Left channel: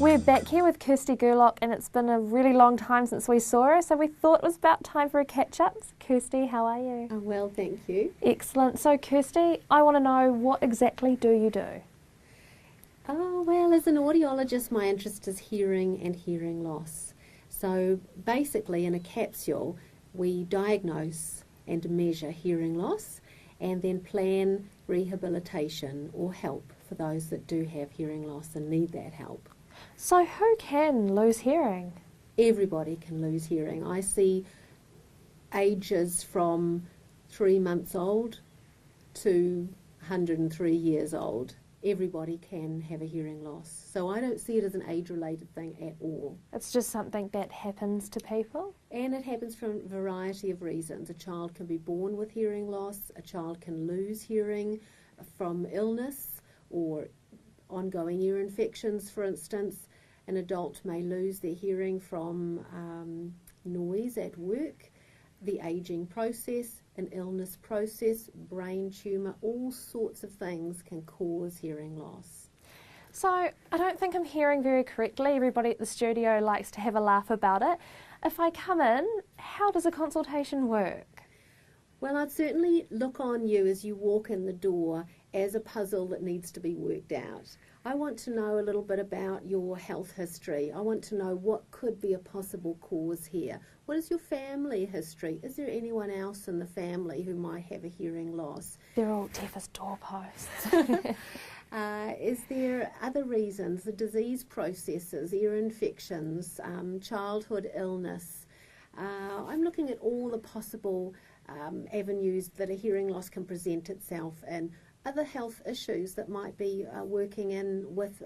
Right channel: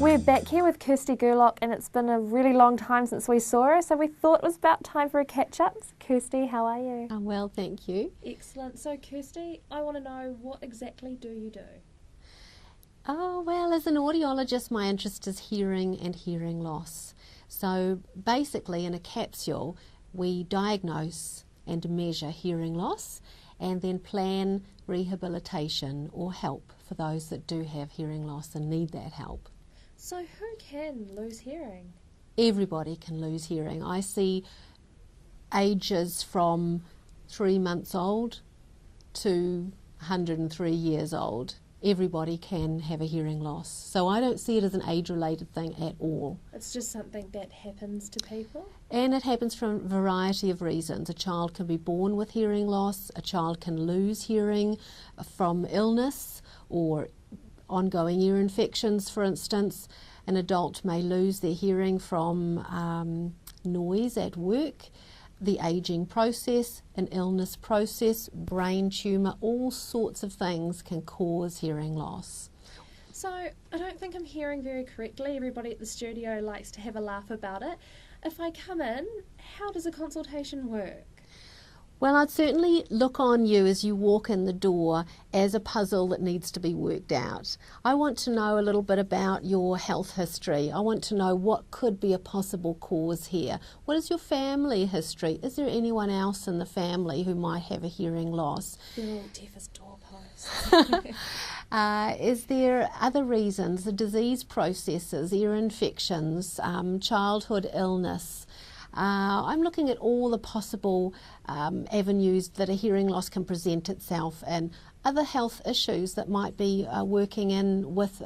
We're back here with Kirsty Gerlach, and it's been a really long time since we saw her, so we thought it was about time for a catch-up. Kirsty, how are you? I'm well, thank you. Excellent. So Kirsty, I want to know, what exactly do you do? Oh, well, as an audiologist, my interest is hearing and hearing loss. So basically, in a capsule, we diagnose and measure hearing loss and then plan rehabilitation or help for those that do have hearing loss and need that help. So who can lose hearing? Everybody can lose hearing. I see ages from 3 months old to 103 years old. Everybody can have a hearing loss. So I don't see it as an age-related thing at all. It's just something that happens to people? And it happens for a variety of reasons. A child can be born with hearing loss, a child can lose hearing from illness or ongoing ear infections, for instance. An adult may lose their hearing from noise at work, the aging process, an illness process, brain tumour, all sorts of things can cause hearing loss. So I don't think I'm hearing very correctly. Everybody at the studio likes to have a laugh about it. If I come in, how does a consultation work? Well, I'd certainly look on you as you walk in the door as a puzzle that needs to be worked out. I want to know a little bit about your health history. I want to know what could be a possible cause here. What is your family history? Is there anyone else in the family who might have a hearing loss? They're all deaf as doorposts. Is there other reasons, the disease processes, ear infections, childhood illness? I'm looking at all the possible avenues that a hearing loss can present itself and other health issues that might be working in with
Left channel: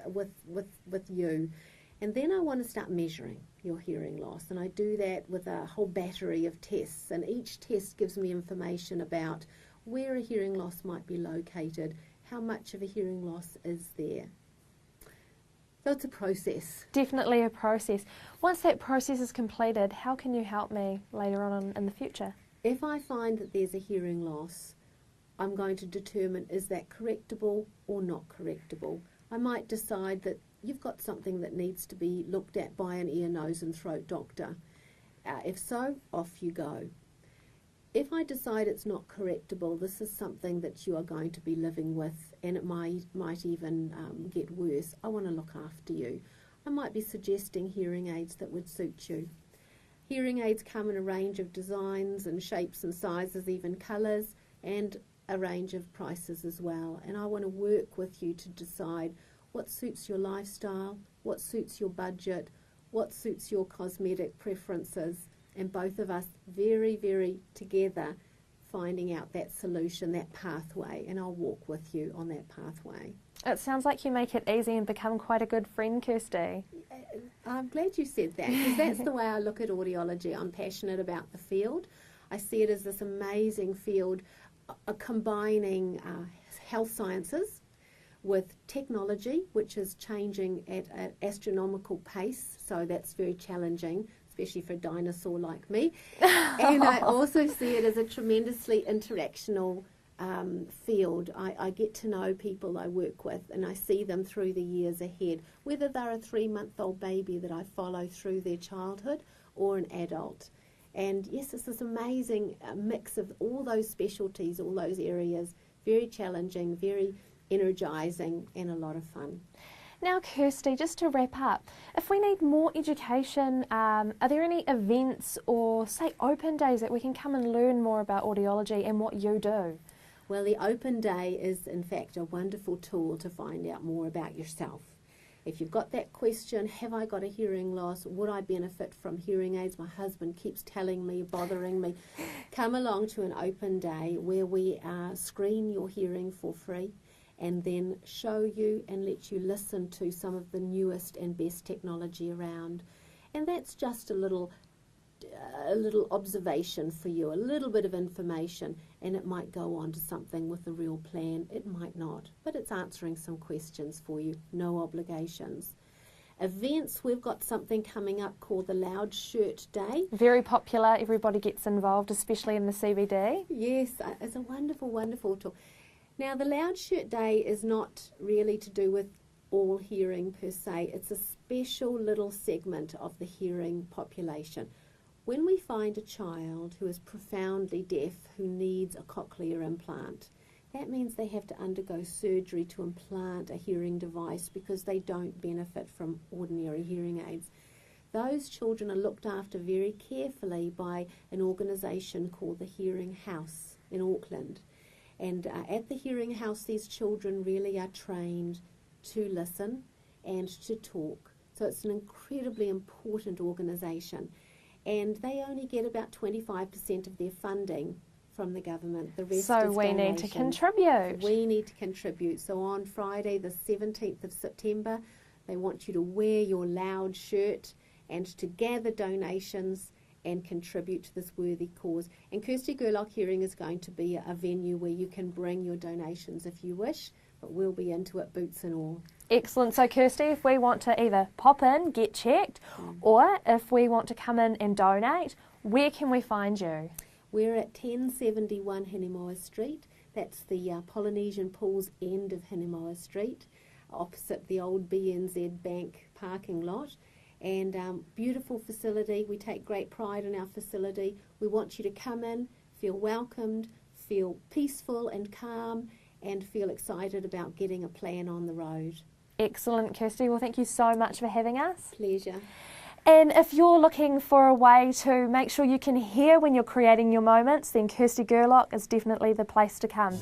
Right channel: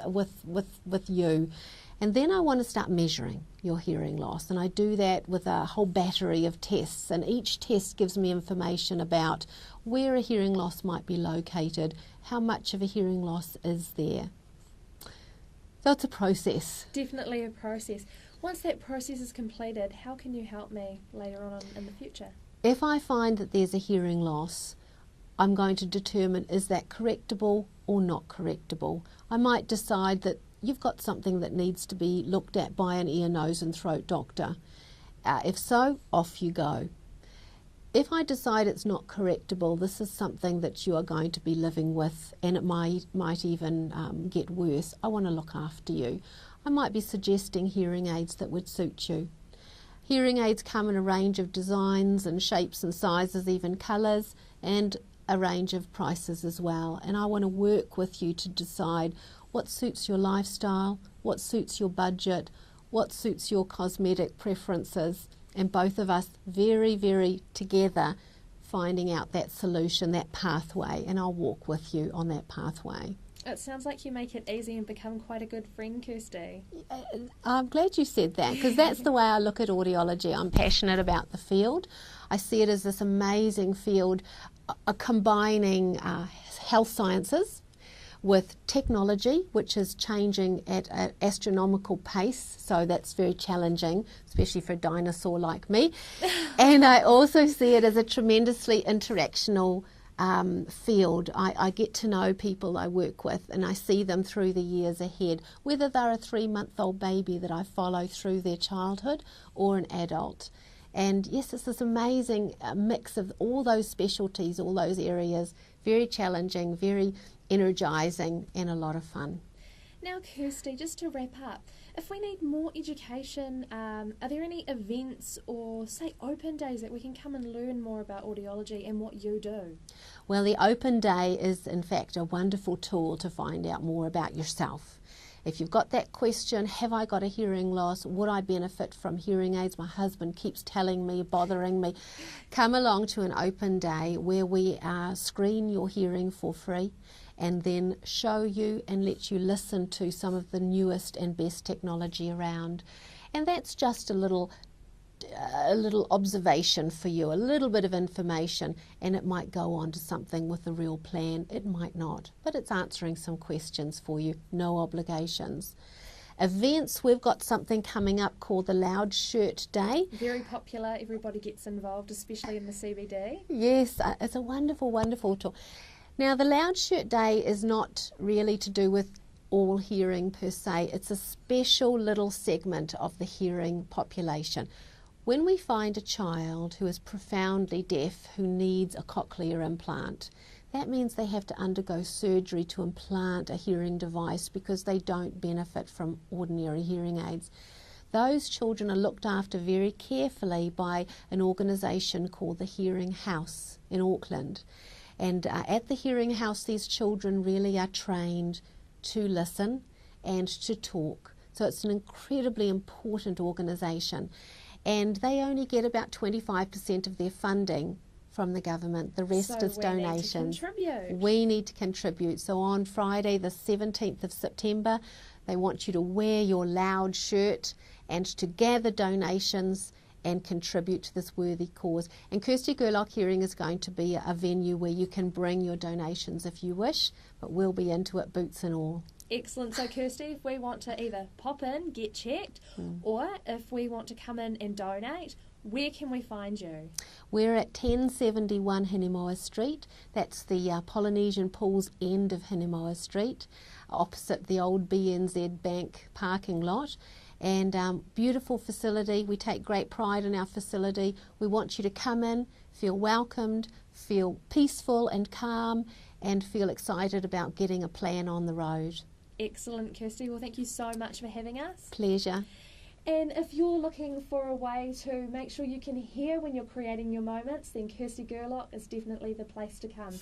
you. And then I want to start measuring your hearing loss, and I do that with a whole battery of tests, and each test gives me information about where a hearing loss might be located, how much of a hearing loss is there. So it's a process. Definitely a process. Once that process is completed, how can you help me later on in the future? If I find that there's a hearing loss, I'm going to determine, is that correctable or not correctable? I might decide that you've got something that needs to be looked at by an ear, nose and throat doctor. If so, off you go. If I decide it's not correctable, this is something that you are going to be living with and it might even get worse, I want to look after you. I might be suggesting hearing aids that would suit you. Hearing aids come in a range of designs and shapes and sizes, even colours, and a range of prices as well. And I want to work with you to decide what suits your lifestyle, what suits your budget, what suits your cosmetic preferences, and both of us very, very together finding out that solution, that pathway, and I'll walk with you on that pathway. It sounds like you make it easy and become quite a good friend, Kirsty. I'm glad you said that, because that's the way I look at audiology. I'm passionate about the field. I see it as this amazing field combining health sciences with technology, which is changing at an astronomical pace, so that's very challenging, especially for a dinosaur like me. And I also see it as a tremendously interactional field. I get to know people I work with and I see them through the years ahead, whether they're a 3-month-old baby that I follow through their childhood or an adult. And yes, it's this amazing mix of all those specialties, all those areas, very challenging, very energising and a lot of fun. Now Kirsty, just to wrap up, if we need more education, are there any events or say open days that we can come and learn more about audiology and what you do? Well, the open day is in fact a wonderful tool to find out more about yourself. If you've got that question, have I got a hearing loss? Would I benefit from hearing aids? My husband keeps telling me, bothering me. Come along to an open day where we screen your hearing for free and then show you and let you listen to some of the newest and best technology around. And that's just a little observation for you, a little bit of information, and it might go on to something with a real plan. It might not, but it's answering some questions for you, no obligations. Events, we've got something coming up called the Loud Shirt Day. Very popular, everybody gets involved, especially in the CBD. Yes, it's a wonderful, wonderful talk. Now, the Loud Shirt Day is not really to do with all hearing per se. It's a special little segment of the hearing population. When we find a child who is profoundly deaf who needs a cochlear implant, that means they have to undergo surgery to implant a hearing device because they don't benefit from ordinary hearing aids. Those children are looked after very carefully by an organisation called the Hearing House in Auckland. And at the Hearing House, these children really are trained to listen and to talk. So it's an incredibly important organisation. And they only get about 25% of their funding from the government. The rest is donations. So we need to contribute. We need to contribute. So on Friday, the 17th of September, they want you to wear your loud shirt and to gather donations and contribute to this worthy cause. And KirstyGerlackHearing is going to be a venue where you can bring your donations if you wish, but we'll be into it boots and all. Excellent. So Kirsty, if we want to either pop in, get checked, or if we want to come in and donate, where can we find you? We're at 1071 Hinemoa Street. That's the Polynesian Pools end of Hinemoa Street, opposite the old BNZ Bank parking lot. And beautiful facility. We take great pride in our facility. We want you to come in, feel welcomed, feel peaceful and calm, and feel excited about getting a plan on the road. Excellent, Kirsty. Well, thank you so much for having us. Pleasure. And if you're looking for a way to make sure you can hear when you're creating your moments, then Kirsty Gerlach is definitely the place to come.